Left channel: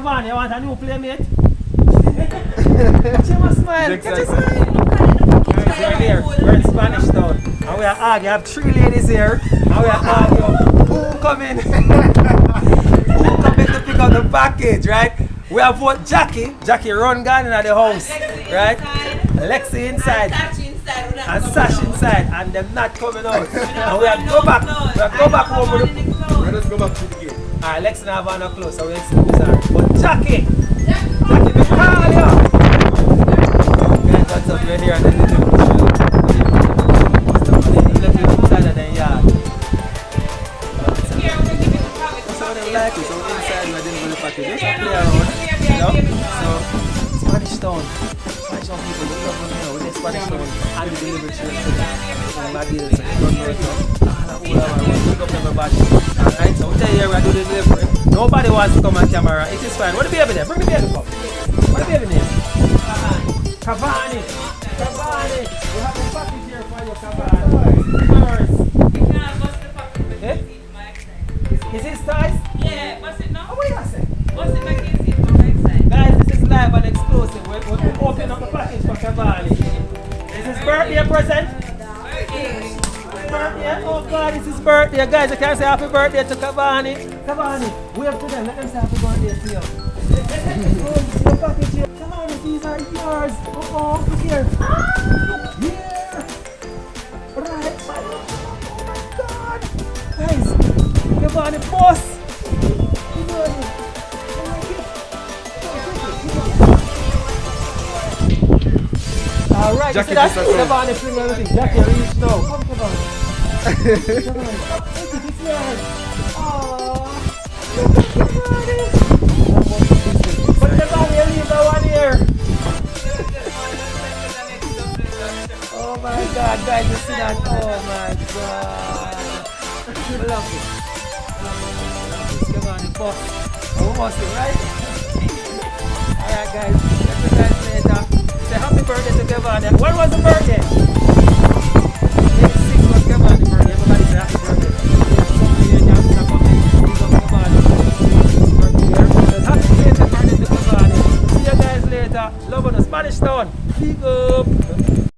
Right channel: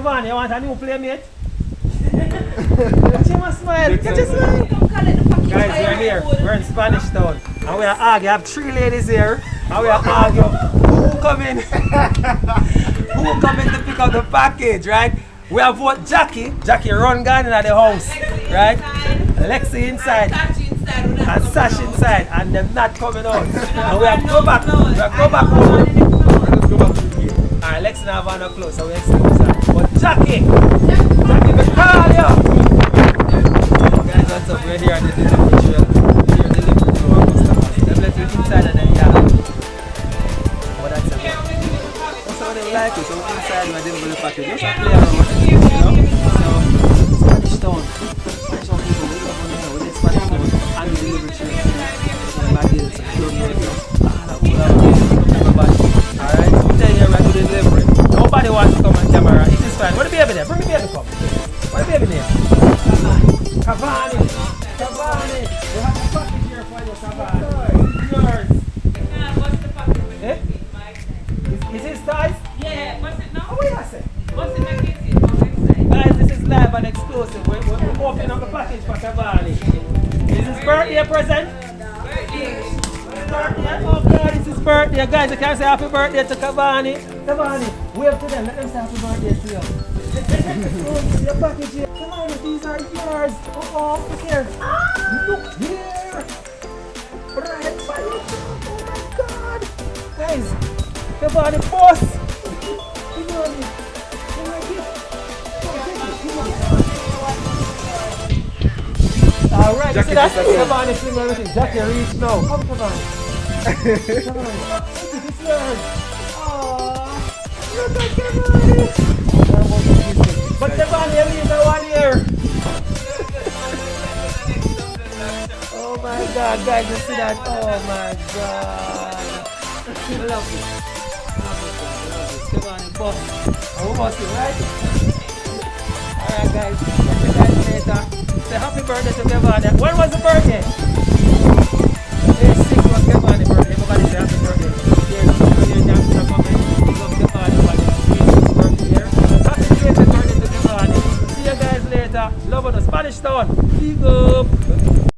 Van, you want a new playmate? Watch him smile. Catch a smile. Guys, we're here. We're in Spanish Town. And we are arguing. I have 3 ladies here. And we are arguing who coming to pick up the package, right? We have what Jackie run gun in the house, right? Lexi inside. And Sash inside. And them not coming out. And we have to go back. We have to go back home with them. Let's go back to the game. Alright, Lexi and Havana close, so we extend this. But Jackie, we call you! Guys, what's up? We're here on the Liverpool show. We're here on the Liverpool show. Let's let you inside of the yard. But that's okay. That's how they like it. So inside, we're dealing with the package. Just a play around, you know? So, Spanish Town. Spanish Town people, we love on here. We get Spanish Town and the delivery trip today. And my deal is a good road, so. Alright, so we tell you here, we're doing delivery. Nobody wants to come on camera. It is fine. What the baby there? Bring the baby come. What the baby name? Cavani. Cavani. We have a package here for you, Cavani. Toys. Eh? Is it toys? Yeah, what's it now? Oh, what do you say? What's it making? Guys, this is live and exclusive. We're opening up the package for Cavani. Is his birthday present? Birthday. Oh God, it's his birthday. Guys, you can say happy birthday to Cavani. Cavani, wave to them. Let them say happy birthday to you. The package here. Cavani, these are yours. Oh, look here. Look here. Right. Oh my God. Guys, Cavani, boss. Cavani. You like it? Come take it. Give it. Alright, you see that? Cavani fling everything. Jackie reach now. Come, Cavani. Cavani. Take it, it's yours. Aww. Look at Cavani. But Cavani, you leave that one here. Oh my God, guys, you see that? Oh my God. I love it. Cavani, boss. I'm bossing, right? Alright, guys. Catch you guys later. Say happy birthday to Cavani. When was the birthday? Day 6 was Cavani's birthday. Everybody say happy birthday. Here, somebody here down in the comment. Big up Cavani for his birthday here. So happy birthday to Cavani. See you guys later. Love on the Spanish Town. Big up.